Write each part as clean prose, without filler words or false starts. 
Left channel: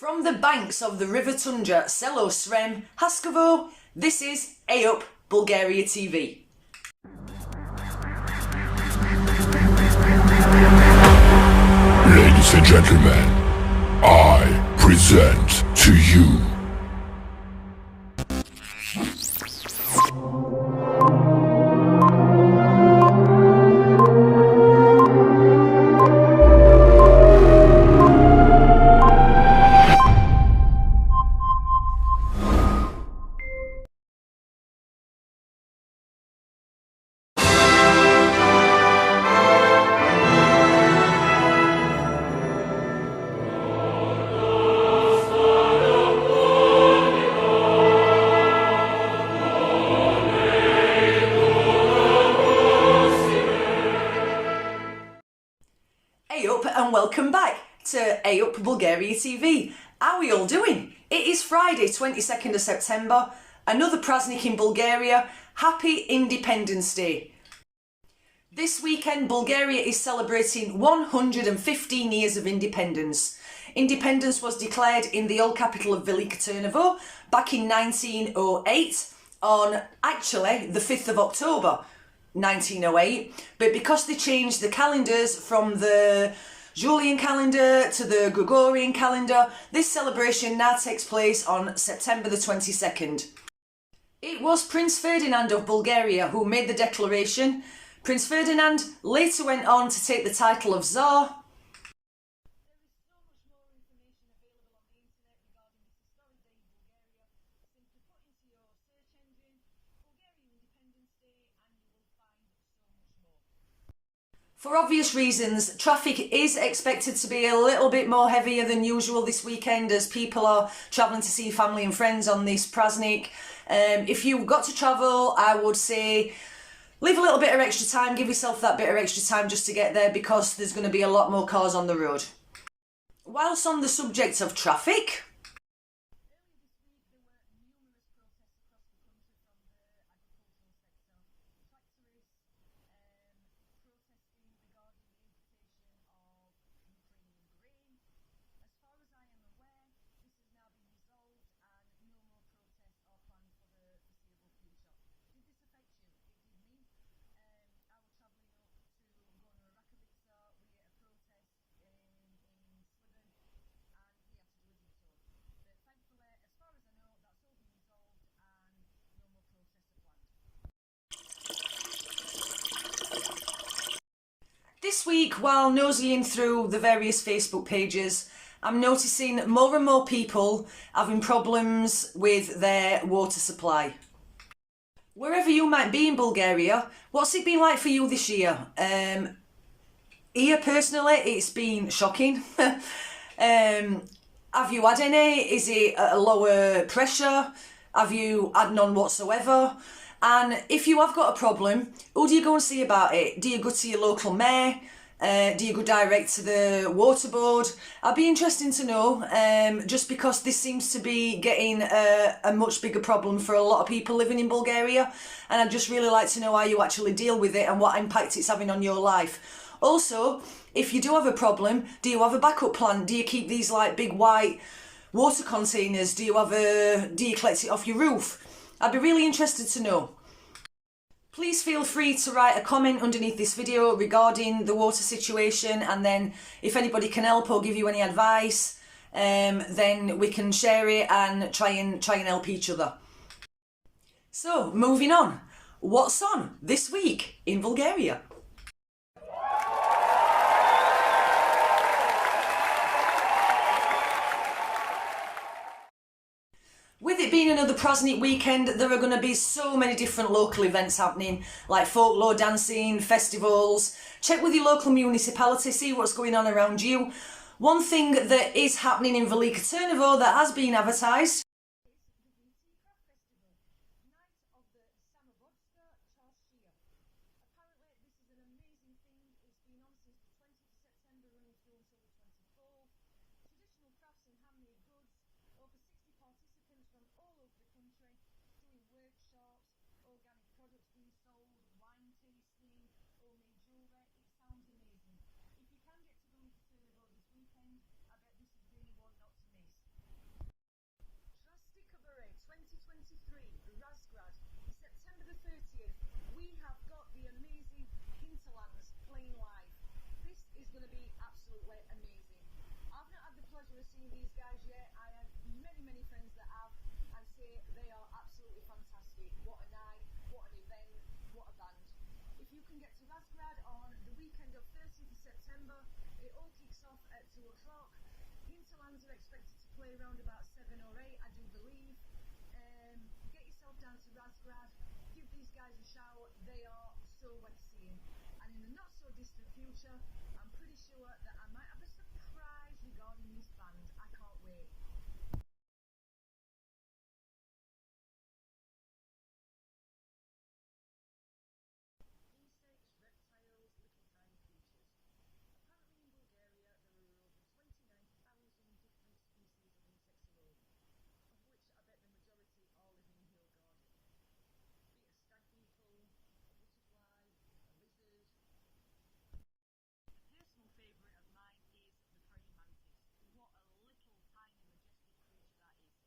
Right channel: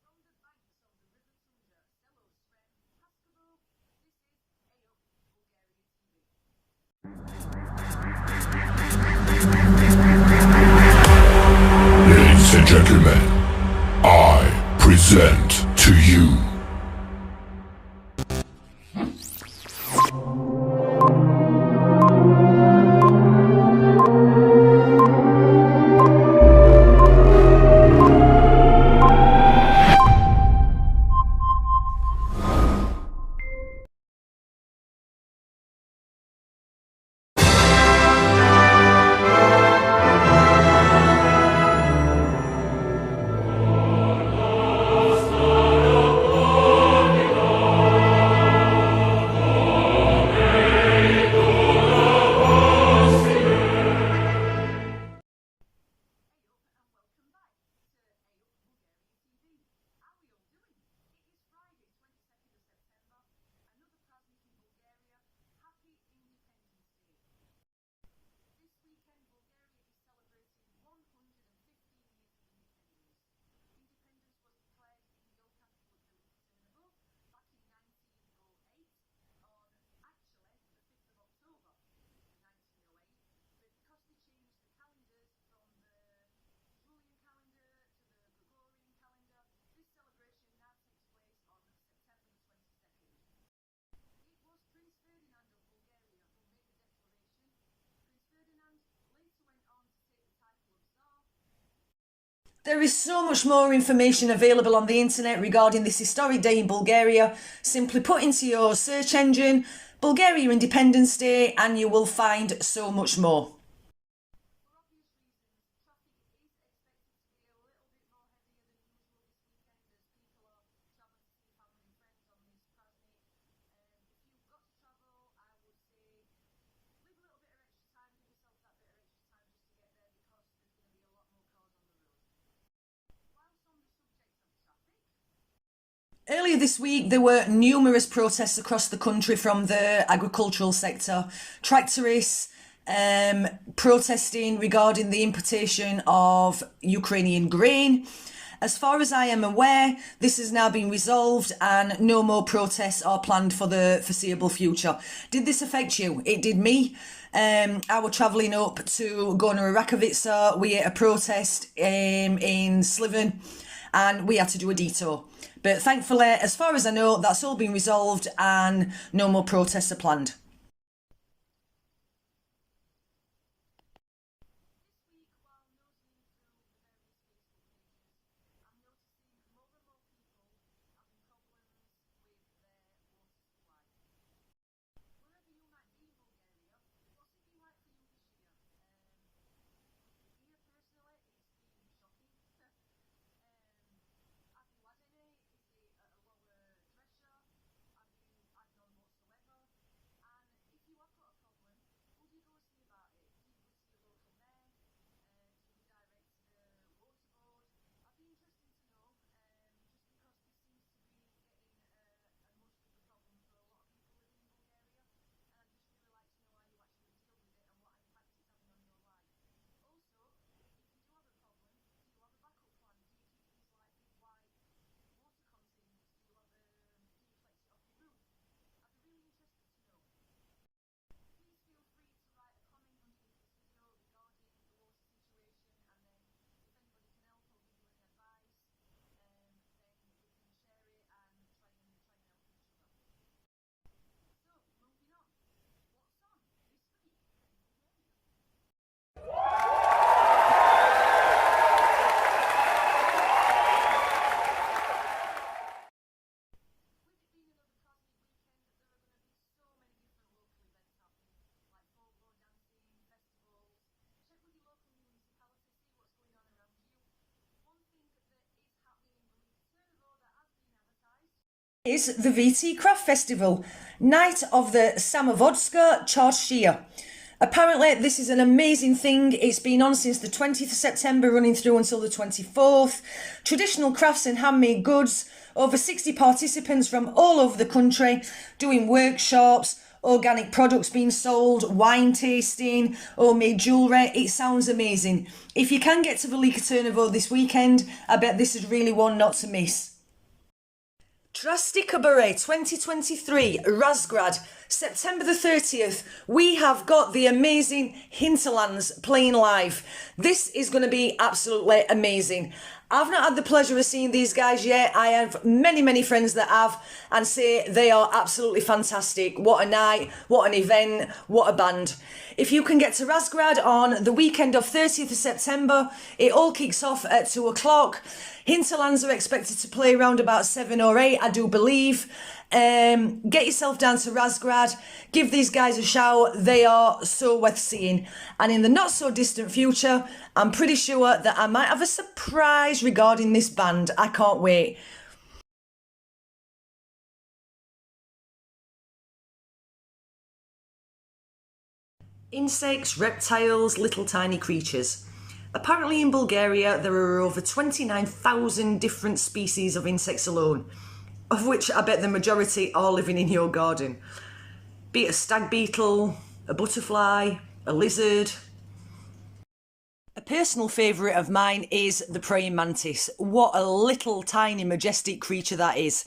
From the banks of the River Tundra, Selo Srem, Haskovo, this is Eyup Bulgaria TV. Ladies and gentlemen, I present to you and welcome back to Eyup Bulgaria TV. How are we all doing? It is Friday, 22nd of September, another praznik in Bulgaria. Happy Independence Day. This weekend, Bulgaria is celebrating 115 years of independence. Independence was declared in the old capital of Velika Turnavo back in 1908 on actually the 5th of October 1908, but because they changed the calendars from the Julian calendar to the Gregorian calendar, this celebration now takes place on September the 22nd. It was Prince Ferdinand of Bulgaria who made the declaration. Prince Ferdinand later went on to take the title of Tsar. There is so much more information available on the internet regarding this historic day in Bulgaria. Simply put into your search engine Bulgaria Independence Day and you will find so much more. For obvious reasons, traffic is expected to be a little bit more heavier than usual this weekend as people are travelling to see family and friends on this praznik. If you've got to travel, I would say leave a little bit of extra time, give yourself that bit of extra time just to get there because there's going to be a lot more cars on the road. Whilst on the subject of traffic, earlier this week there were numerous protests across the country from the agricultural sector. Tractorists protesting regarding the importation of Ukrainian grain. As far as I am aware, this has now been resolved and no more protests are planned for the foreseeable future. Did this affect you? It did me. I was travelling up to Gorna Rakovica. We had a protest in Sliven and we had to do a detour. But thankfully, as far as I know, that's all been resolved and no more protests are planned. This week, while nosing through the various Facebook pages, I'm noticing more and more people having problems with their water supply. Wherever you might be in Bulgaria, what's it been like for you this year? Here personally, it's been shocking. Have you had any? Is it at a lower pressure? Have you had none whatsoever? And if you have got a problem, who do you go and see about it? Do you go to your local mayor? Do you go direct to the water board? I'd be interested to know, just because this seems to be getting a much bigger problem for a lot of people living in Bulgaria. And I'd just really like to know how you actually deal with it and what impact it's having on your life. Also, if you do have a problem, do you have a backup plan? Do you keep these like big white water containers? Do you collect it off your roof? I'd be really interested to know. Please feel free to write a comment underneath this video regarding the water situation, and then if anybody can help or give you any advice, then we can share it and try and help each other. So, moving on. What's on this week in Bulgaria? With it being another praznik weekend, there are going to be so many different local events happening, like folklore dancing, festivals. Check with your local municipality, see what's going on around you. One thing that is happening in Velika Turnavo that has been advertised is the VT Craft Festival, Night of the Samovodska Charshia. Apparently this is an amazing thing. It's been on since the 20th of September, running through until the 24th. Traditional crafts and handmade goods. Over 60 participants from all over the country doing workshops, organic products being sold, wine tasting, homemade jewellery. It sounds amazing. If you can get to Velika Turnavo this weekend, I bet this is really one not to miss. Trastikabury 2023 Razgrad, September the 30th. We have got the amazing Hinterlands playing live. This is going to be absolutely amazing. I've not had the pleasure of seeing these guys yet. I have many friends that have and say they are absolutely fantastic. What a night, what an event, what a band. If you can get to Razgrad on the weekend of 30th of September, it all kicks off at 2 o'clock. Hinterlands are expected to play around about 7 or 8, I do believe. Get yourself down to Razgrad, give these guys a shout. They are so worth seeing. And in the not so distant future, I'm pretty sure that I might have a surprise regarding this band. I can't wait. Insects, reptiles, little tiny creatures. Apparently in Bulgaria there are over 29,000 different species of insects alone, of which I bet the majority are living in your garden. Be it a stag beetle, a butterfly, a lizard. A personal favourite of mine is the praying mantis. What a little tiny majestic creature that is.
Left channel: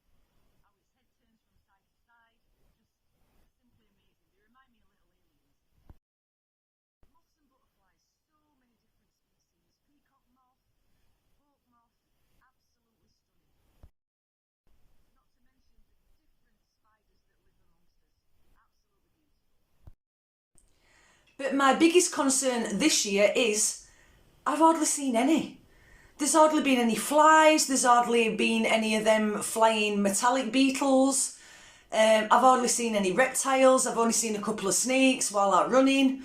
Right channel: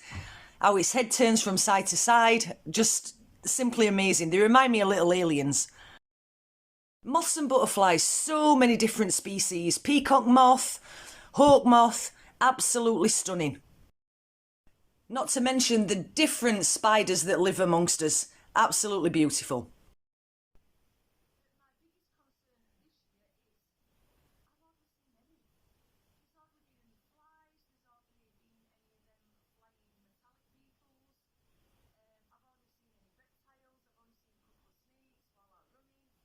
How its head turns from side to side, just simply amazing. They remind me of little aliens. Moths and butterflies, so many different species. Peacock moth, hawk moth, absolutely stunning. Not to mention the different spiders that live amongst us, absolutely beautiful. But my biggest concern this year is I've hardly seen any. There's hardly been any flies, there's hardly been any of them flying metallic beetles. I've hardly seen any reptiles, I've only seen a couple of snakes while out running.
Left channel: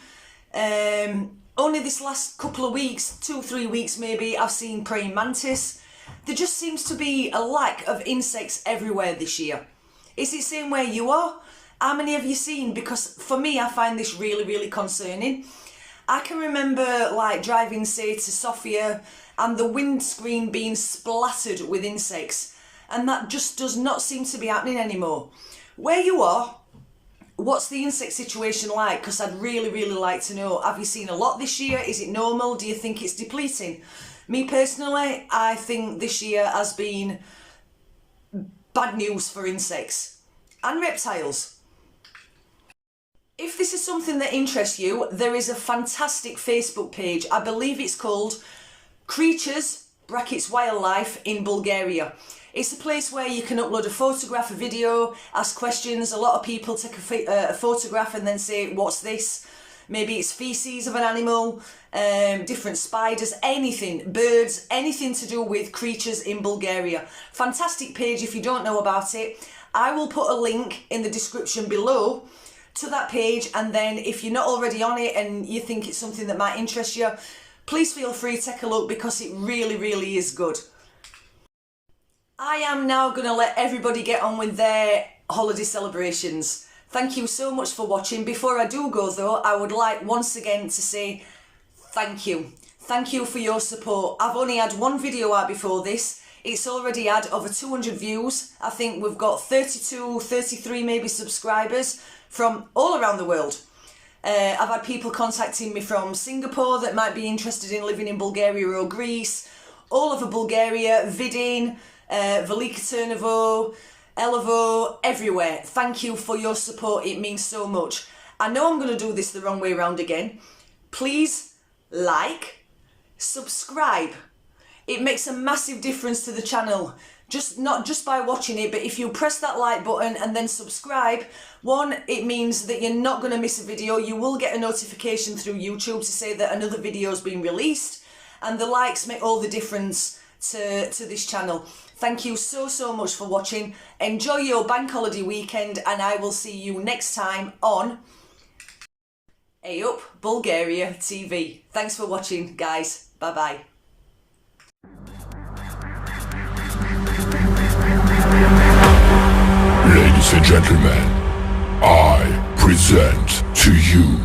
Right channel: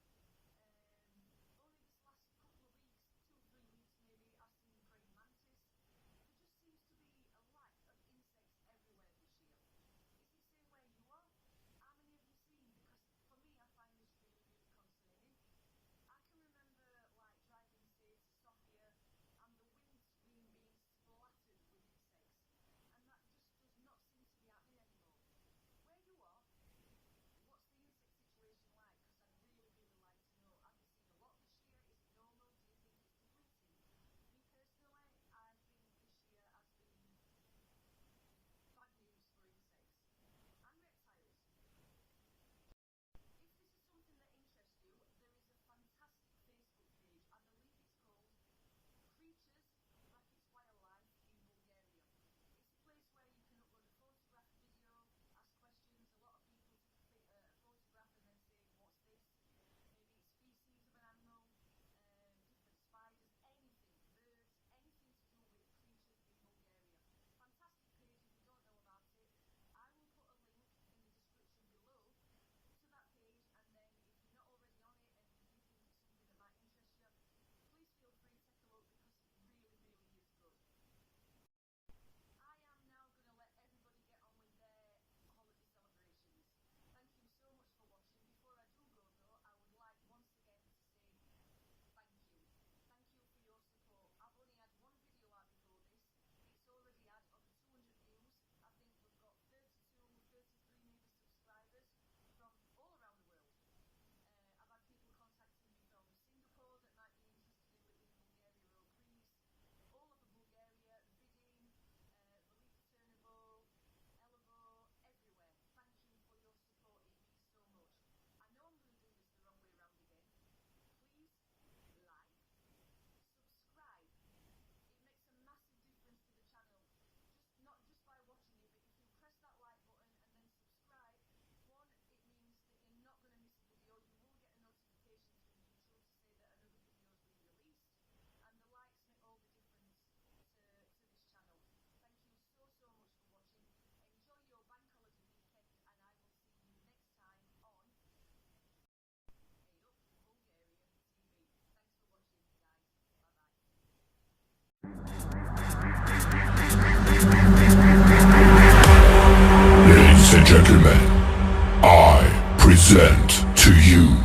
Only this last couple of weeks, 2-3 weeks maybe, I've seen praying mantis. There just seems to be a lack of insects everywhere this year. Is it the same where you are? How many have you seen? Because for me, I find this really concerning. I can remember like driving, say, to Sofia and the windscreen being splattered with insects, and that just does not seem to be happening anymore. Where you are, what's the insect situation like? Because I'd really like to know. Have you seen a lot this year? Is it normal? Do you think it's depleting? Me personally, I think this year has been bad news for insects and reptiles. If this is something that interests you, there is a fantastic Facebook page. I believe it's called Creatures (Wildlife) in Bulgaria. It's a place where you can upload a photograph, a video, ask questions. A lot of people take a photograph and then say, what's this? Maybe it's feces of an animal, different spiders, anything, birds, anything to do with creatures in Bulgaria. Fantastic page if you don't know about it. I will put a link in the description below to that page, and then if you're not already on it and you think it's something that might interest you, please feel free to take a look because it really is good. I am now going to let everybody get on with their holiday celebrations. Thank you so much for watching. Before I do go though, I would like once again to say thank you. Thank you for your support. I've only had one video out before this. It's already had over 200 views. I think we've got 32, 33 maybe subscribers from all around the world. I've had people contacting me from Singapore that might be interested in living in Bulgaria or Greece, all over Bulgaria, Vidin, Velika Trnovo, Elevo, everywhere. Thank you for your support, it means so much. I know I'm going to do this the wrong way around again. Please like, subscribe. It makes a massive difference to the channel. Not just by watching it, but if you press that like button and then subscribe, one, it means that you're not going to miss a video. You will get a notification through YouTube to say that another video has been released, and the likes make all the difference to this channel. Thank you so much for watching. Enjoy your bank holiday weekend, and I will see you next time on eyupbgtv. Thanks for watching, guys. Bye bye. Ladies and gentlemen, I present to you